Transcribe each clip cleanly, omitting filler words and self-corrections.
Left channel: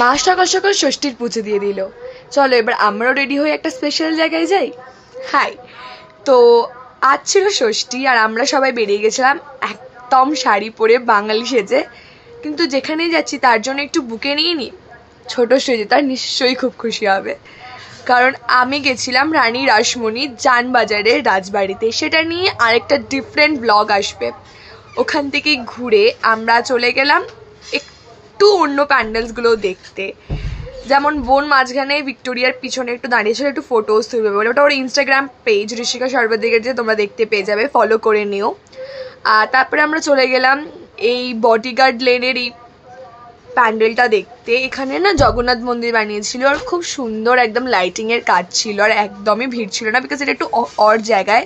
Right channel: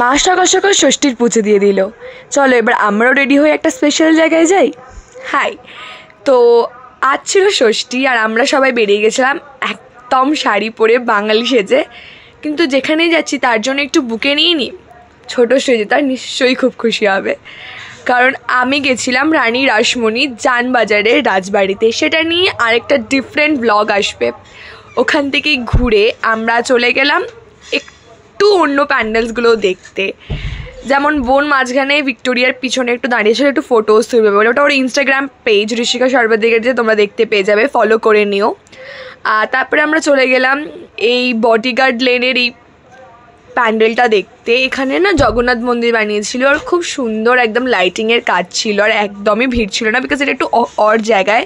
মা সকাল সকাল ষষ্ঠীর পুজো দিয়ে দিল। চলো এবার আমরাও রেডি হয়ে একটা স্পেশাল জায়গায় যাই। হাই, তো আজ ছিল ষষ্ঠী আর আমরা সবাই বেরিয়ে গেছিলাম একদম শাড়ি পরে বাঙালি সেজে। কিন্তু যেখানেই যাচ্ছি তার জন্য একটু বুকে নিয়ে নিই। ছোটো সেজে তার নিশ্চয়ই খুব খুশি হবে, কারণ আমি গেছিলাম রানী রাসমণি জানবাজারে রাজবাড়িতে। সেটা নিয়ে আরেকটা ডিফারেন্ট ব্লগ আসবে। ওখান থেকে ঘুরে আমরা চলে গেলাম একটু অন্য প্যান্ডেলসগুলো দেখতে। যেমন বোন মাঝখানে ভিক্টোরিয়ার পিছনে একটু দাঁড়িয়েছিল, একটু ফটোজ তুলবে বলে। ওটা ওর ইনস্টাগ্রাম পেজ ঋষিকা সর্বাধিকের যে তোমরা দেখতে পেয়ে যাবে, ফলো করে নিও। আর তারপরে আমরা চলে গেলাম এই বডিগার্ড লেনের এই প্যান্ডেলটা দেখতে। এখানে না জগন্নাথ মন্দির বানিয়েছিল আর খুব সুন্দর একদম লাইটিংয়ের কাজ ছিল, আর একদমই ভিড় ছিল না, বিকজ এটা একটু অড জায়গায়।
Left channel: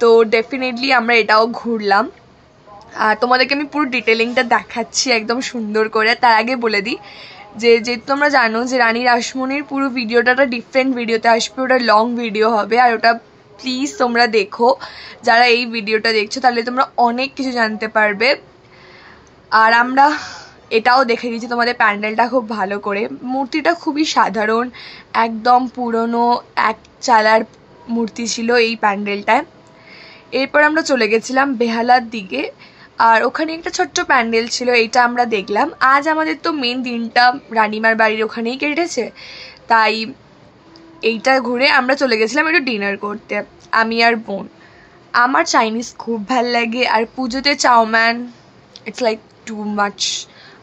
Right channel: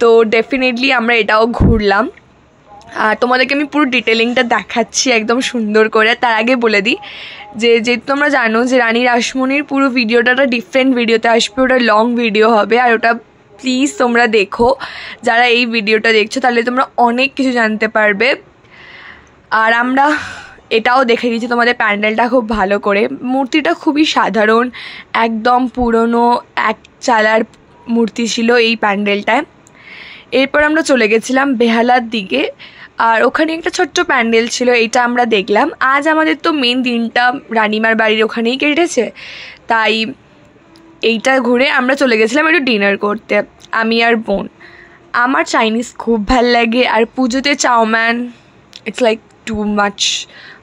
তো ডেফিনেটলি আমরা এটাও ঘুরলাম আর তোমাদেরকে আমি পুরো ডিটেলিংটা দেখাচ্ছি একদম সুন্দর করে। তার আগে বলে দিই যেহেতু তোমরা জানো যে রানী রাসমণির পুরো ভিডিওটা একটা ডিফারেন্ট ভিডিওতে আসবে, ওটা লং ভিডিও হবে। আর ওটা প্লিজ তোমরা দেখো, যারা এই ভিডিওটা দেখছো, তাহলে তোমরা অনেক কিছু জানতে পারবে। আর আমরা এটাও দেখে দিচ্ছি তোমাদের প্যান্ডেলটা খুব ভালো করে। মূর্তিটা খুবই সাধারণ, একদম পুরনো এক চালার মূর্তি ছিল এই প্যান্ডেলটায়। এরপর আমরা চলে গেছিলাম বেহালার দিকে, আর ওখানে একটা ছোট্ট প্যান্ডেল ছিল, এইটা আমরা দেখলাম। আজ আমাদের তো মেন দিনটা রানিমার বাড়ির ওখানেই কেটেছে, তাই এইটা ঘুরে আমরা চলে গেছিলাম একটু ডিনার করতে, আমি আর বোন। আমার চাইনিজ খুব ভাল লাগে, আর পুজোতে Chowman it's like too much,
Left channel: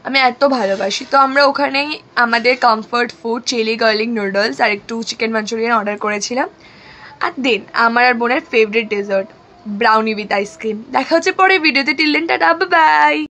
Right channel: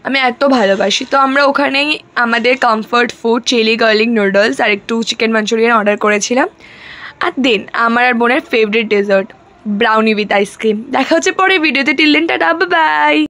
আমি এত ভালোবাসি। তো আমরা ওখানেই আমাদের comfort food chilli garlic noodles আর একটু চিকেন মাঞ্চুরিয়ান অর্ডার করেছিলাম। আর দেন আমার আর বোনের favourite dessert brownie with ice cream. দেখা হচ্ছে পরে ভিডিওতে। Till then tata, bye by.